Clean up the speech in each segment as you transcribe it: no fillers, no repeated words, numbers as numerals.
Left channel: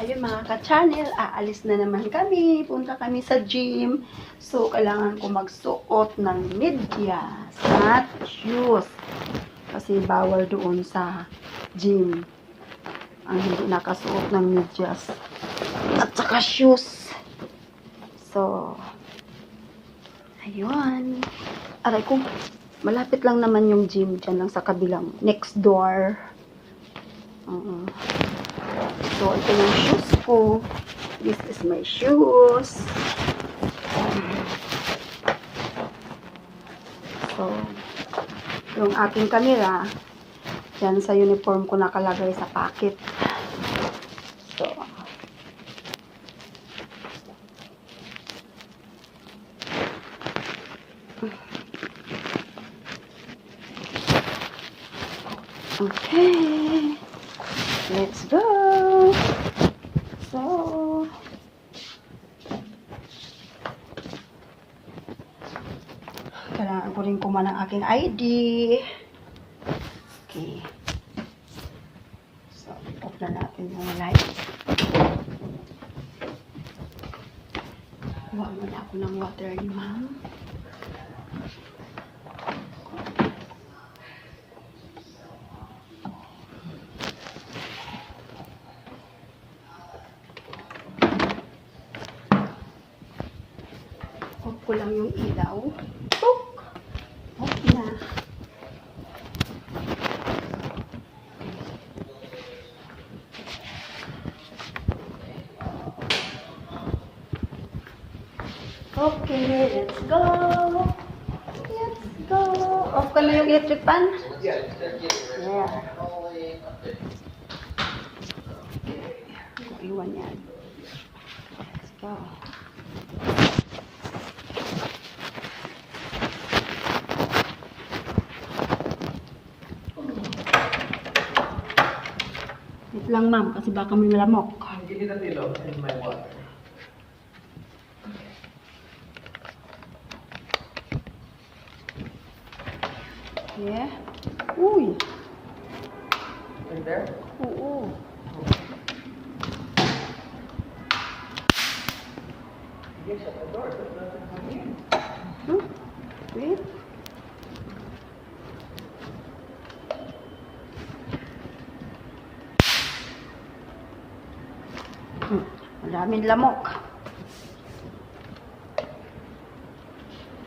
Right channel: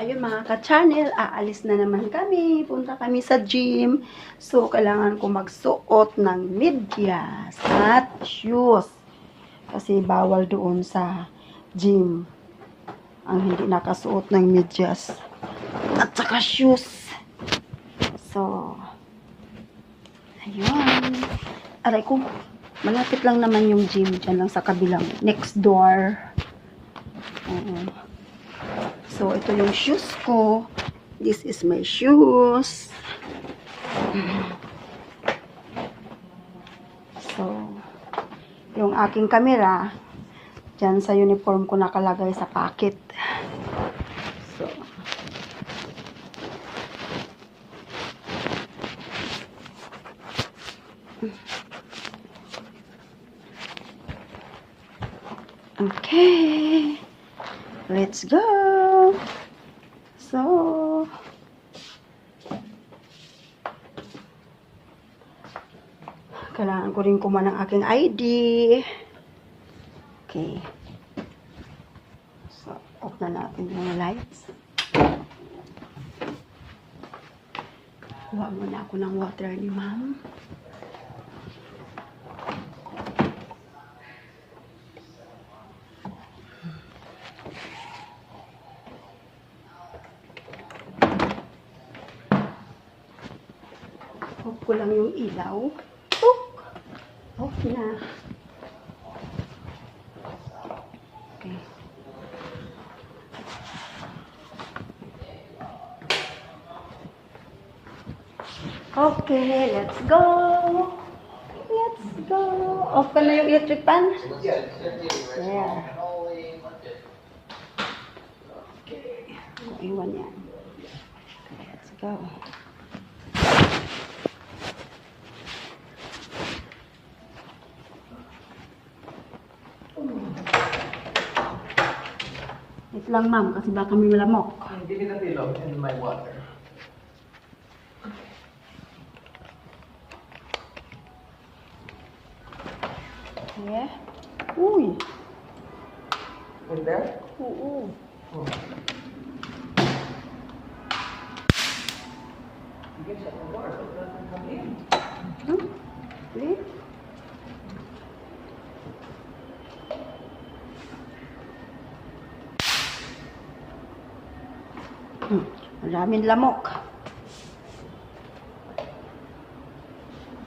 ayun mga ka-channel, aalis na naman kami. Punta kami sa gym. So, kailangan ko magsuot ng medyas at shoes. Kasi bawal doon sa gym ang hindi nakasuot ng medyas at saka shoes. So, ayun. Aray ko, malapit lang naman yung gym. Diyan lang sa kabilang next door. So, ito yung shoes ko. This is my shoes. So, yung aking camera, dyan sa uniform ko nakalagay sa pocket. So, okay. Let's go. So, kailangan ko rin kumuha ng aking ID. Okay. So, off na natin yung lights. Kuha muna ako ng water ni ma'am. Off ko lang yung ilaw. Off na. Okay, let's go. Let's go. Off ka na yung electric fan? Yeah, they're getting ready. Yeah. Only Monday. Okay. Iwan yan. Let's go. Wait lang ma'am, kasi baka may lamok. Give me the pillow and my water. Yeah. Uy. In there? Oo. Oh. You can shut the door, but it doesn't come in. Wait. Maraming lamok.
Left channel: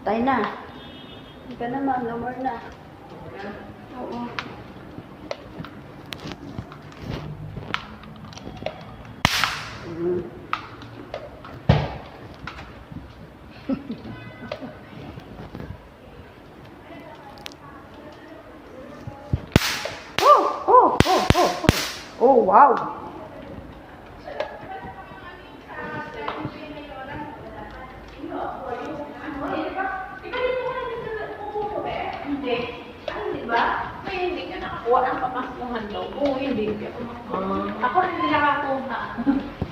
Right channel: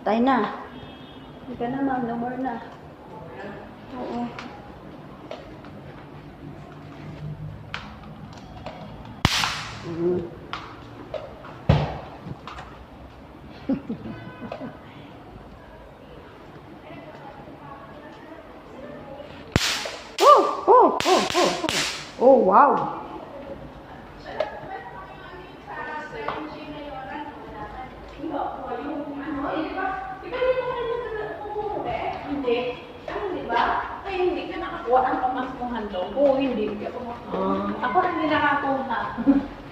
Tay na. Hindi ka naman, no more na. Oo. Oh, wow. Hindi ka nakakuha ang pamaskuhan daw. Oo, hindi ako nakakuha. Ako rin hindi nakakuha.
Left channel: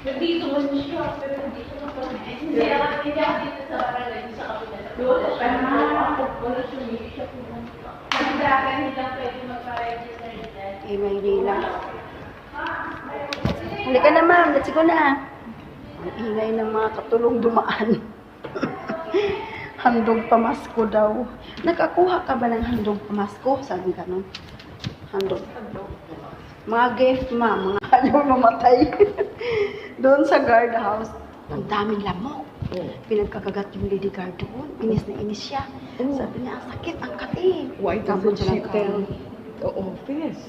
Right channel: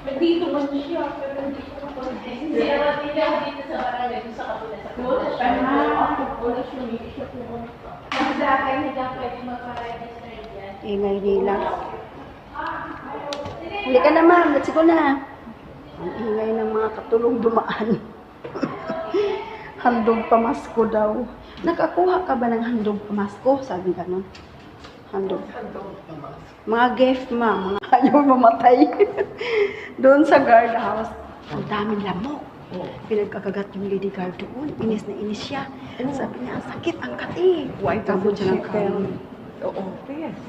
Nandito man siya, pero hindi siya nakakuha. Hindi naman nila dito sa barangay, sa kapila sa tulo. Pero ako, wala sumili siya pumunta. Sa akin, hindi lang pwede magpa-register dyan. Ingay nila. Hindi ka na ma'am, let's go na. Ang ingay ng mga katulong dumaan. Handog pamasko daw. Nakakuha ka ba ng handog pamasko? Sabi ganun. Handog. Mga gift ma'am, mga ayaw mamatay. Doon sa guard house, ang daming lamok. Pinagkakagat yung lady guard doon. Inis na inis siya. Sabi niya, ang sakit ang kati. Why Tapos doesn't she siya tell nagkaroon. the office?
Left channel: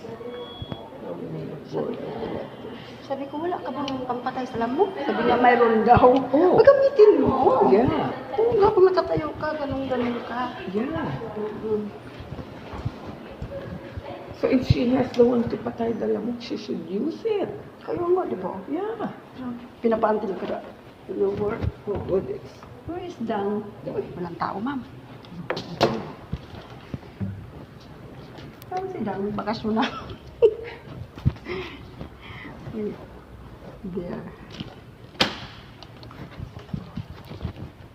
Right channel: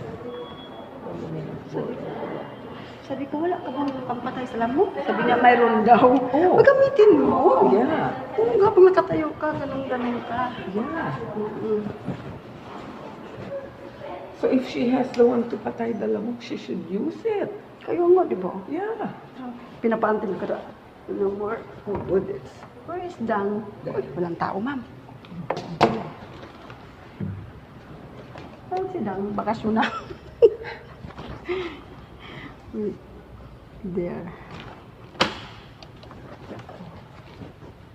Sabi ko, wala ka ba ng pampatay sa lamok? Sabi niya, mayroon daw. Oh. Magamitin mo. Yeah, Oo nga, kung nakatayo ka, ganun ka. yeah. Mm-mm. So if she has the one to patay the lamok, she should use it. Kayo nga, di ba? Yeah. Pinapantin ka na. Yung work. Oh, good. It's Where is Dang? Walang tao, ma'am. Saan si Dang? Bakasyon na. There.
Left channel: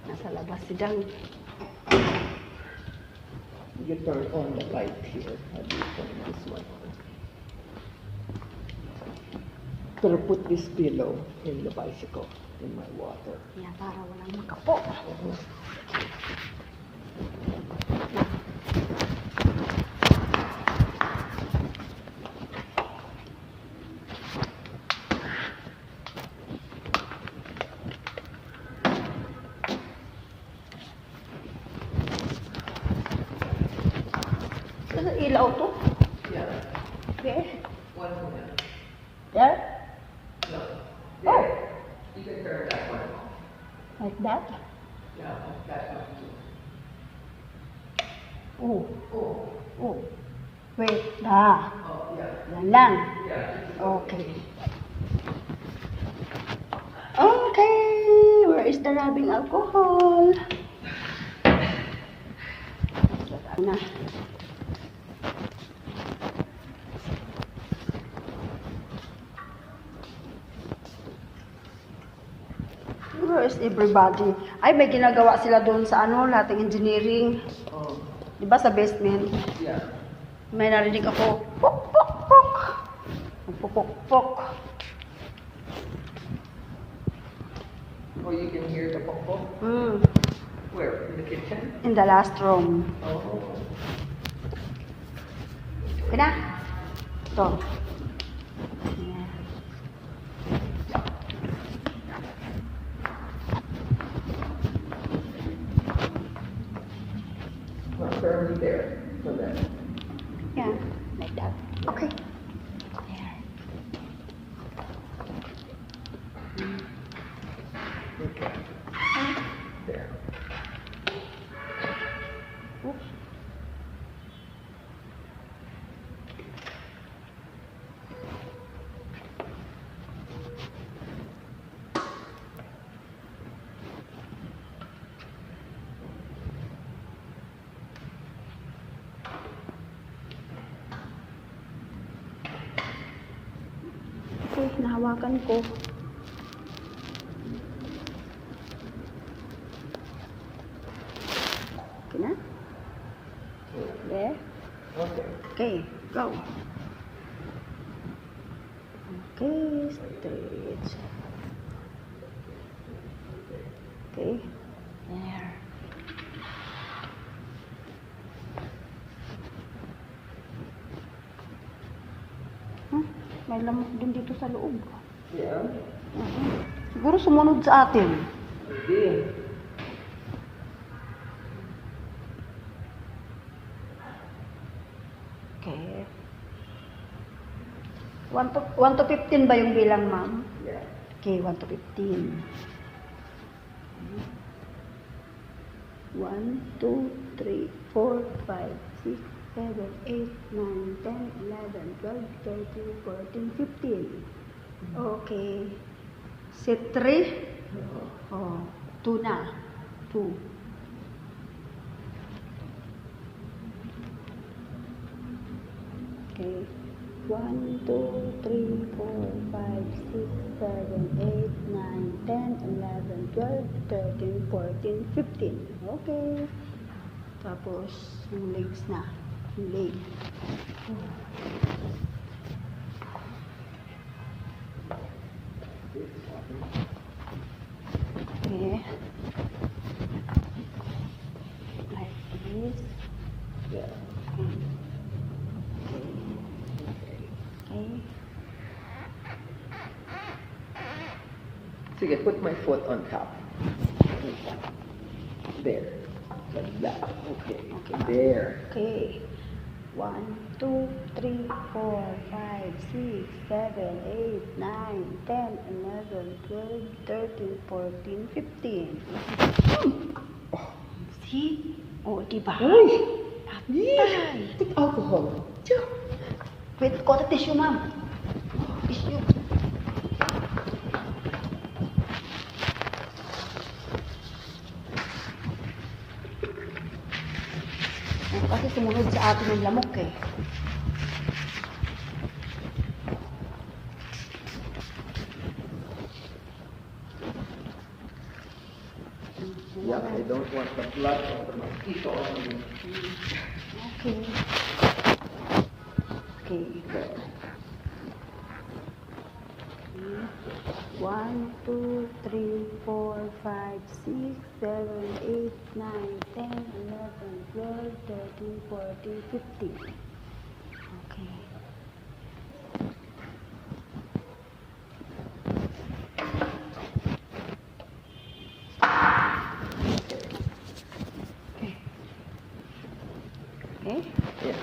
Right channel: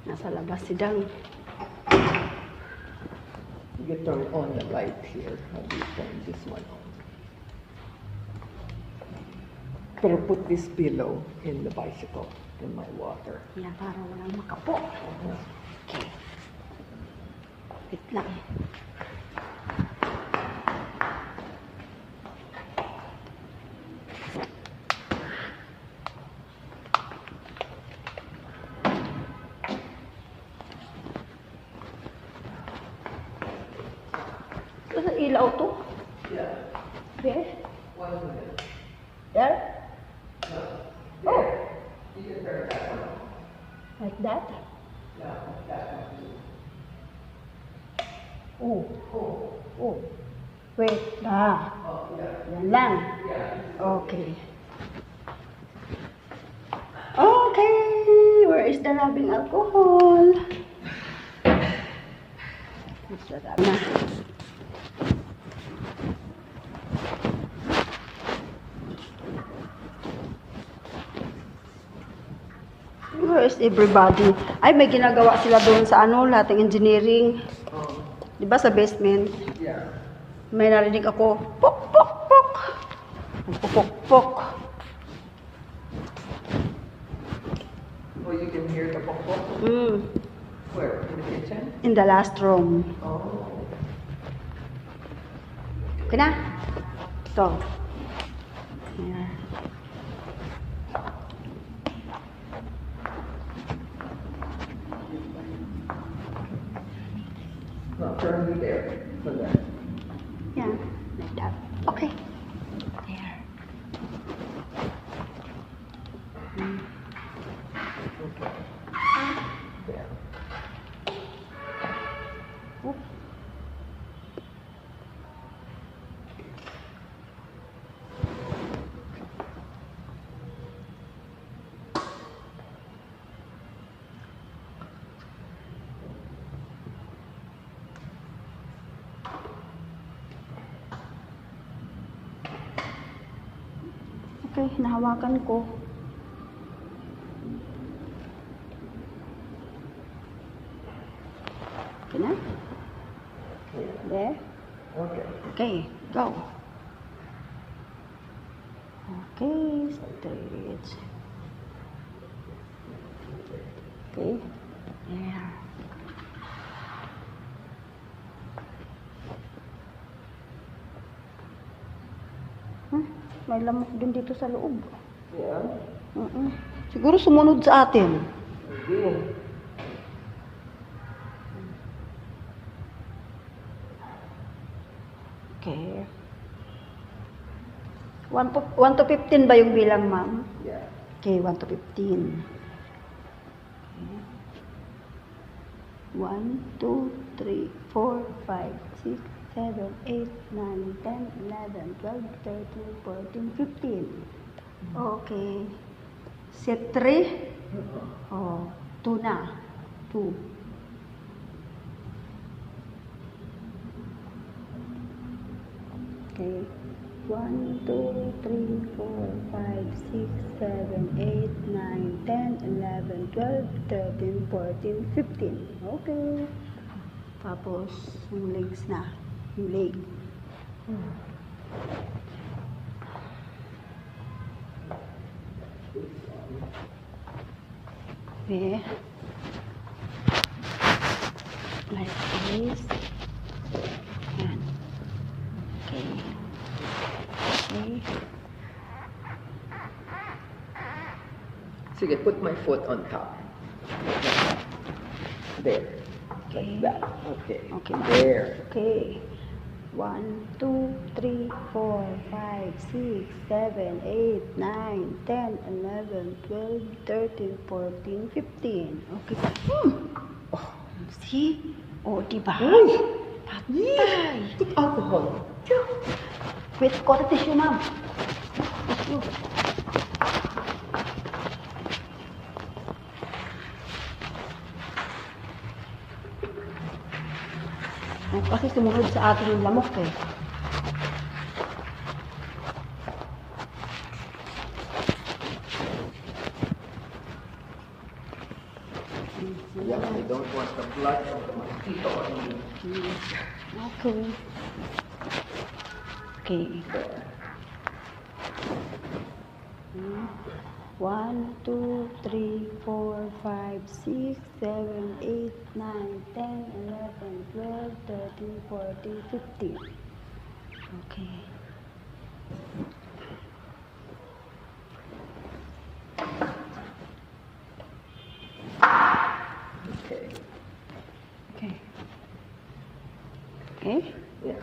Nasa labas si Dang. you turn on the light here. How do you turn this one on? Pero put this pillow in the bicycle, in my water. Yan, para walang makapo. Na. Ito ilaw to? Yeah. Where? One minute. There? No. Oh, You can turn that one. like that? Yeah, that one too. Oh, Oh. oh. Wait, ah. Oh, yeah. Yan lang. Yeah. Okay. Okay, where is the rubbing alcohol? Na. Where is everybody? Ay, may ginagawa sila doon sa ano, lating engineering. Oh, Di ba sa basement? yeah. May narinig ako, pok, pok, pok. Pok, pok, pok. Oh, you can hear the pok pok? Mm, Where? In the kitchen? in the last room. Oh. Okay na? Ito. Here. Not firmly there. So then. Yeah, like that. Okay. There. Okay. There. Oops. Okay, nahawakan ko. Okay na? There? Okay. Okay, go. Okay, straight. Okay, there. May lamok din dito sa loob. Yeah. Siguro sumunod sa atin. Maybe. Okay. 1 to 15 ba yung bilang, ma'am? Yeah. Okay, 1 to 15. 1, 2, 3, 4, 5, 6, 7, 8, 9, 10, 11, 12, 13, 14, 15. Okay. Set 3. Oh, 2 na. 2. Okay. 1, 2, 3, 4, 5, 6, 7, 8, 9, 10, 11, 12, 13, 14, 15. Okay. Tapos, yung legs na. Yung leg. Okay. Like this. Yan. Okay. Okay. Sige, put my foot on top. There. Okay. Like that. Okay. Okay. There. Okay. 1, 2, 3, 4, 5, 6, 7, 8, 9, 10, 11, 12, 13, 14, 15. Okay. Oh, see? Oh, diba? Yeah. Put alcohol. Wait, ko na tissue, ma'am. Tissue. Kasi sumunod sa atin yung lamok eh. Yeah, I don't want the blood of the mosquito on me. Okay. Okay. There. 1, 2, 3, 4, 5, 6, 7, 8, 9, 10, 11, 12, 13, 14, 15. Okay. Okay. Okay. Yeah.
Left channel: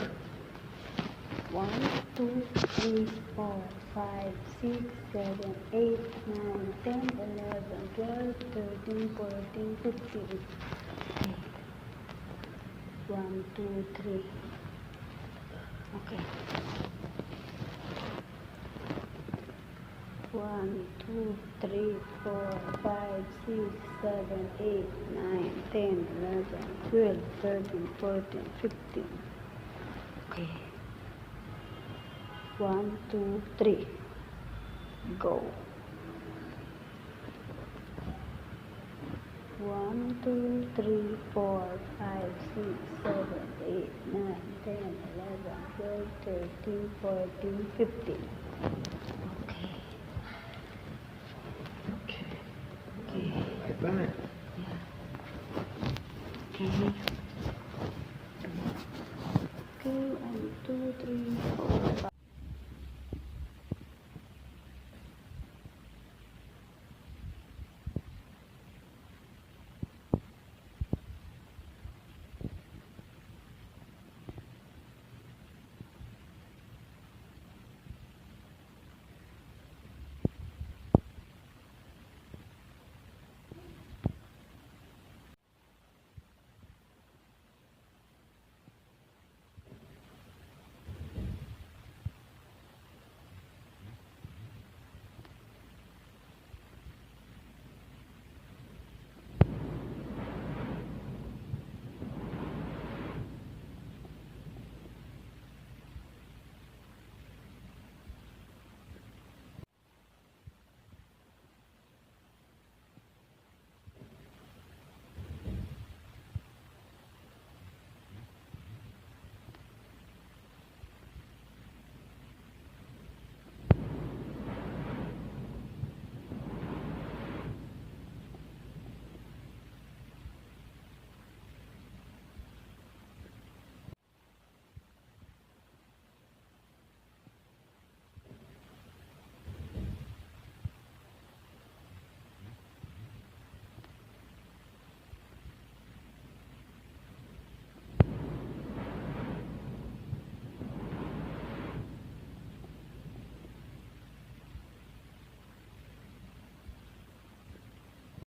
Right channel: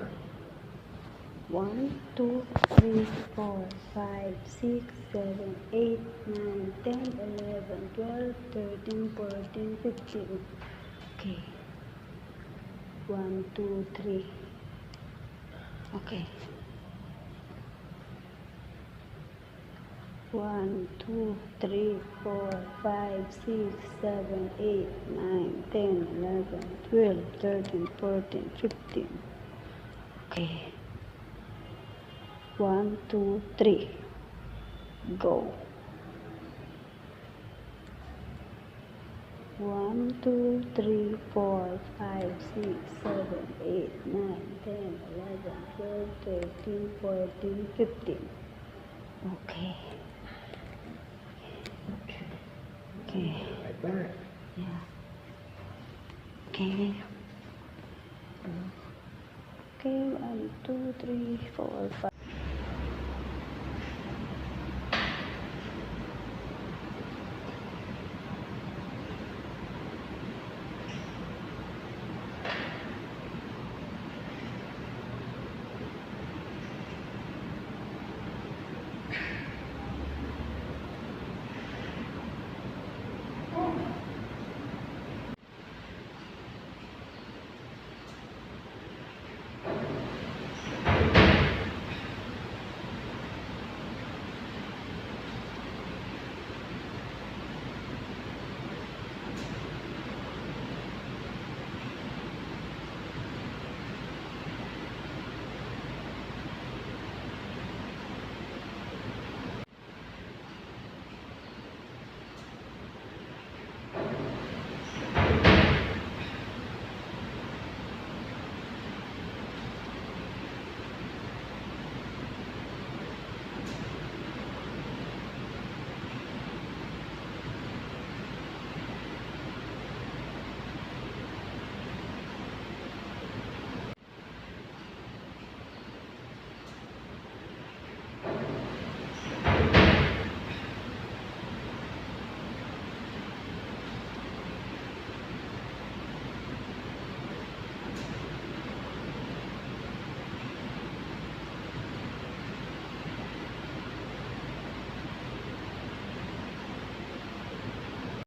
1, 2, 3, 4, 5, 6, 7, 8, 9, 10, 11, 12, 13, 14, 15. Okay. 1, 2, 3. Okay. 1, 2, 3, 4, 5, 6, 7, 8, 9, 10, 11, 12, 13, 14, 15. Okay. 1, 2, 3. Go. 1, 2, 3, 4, 5, 6, 7, 8, 9, 10, 11, 12, 13, 14, 15. Okay. Okay. Right back. Yeah. Okay.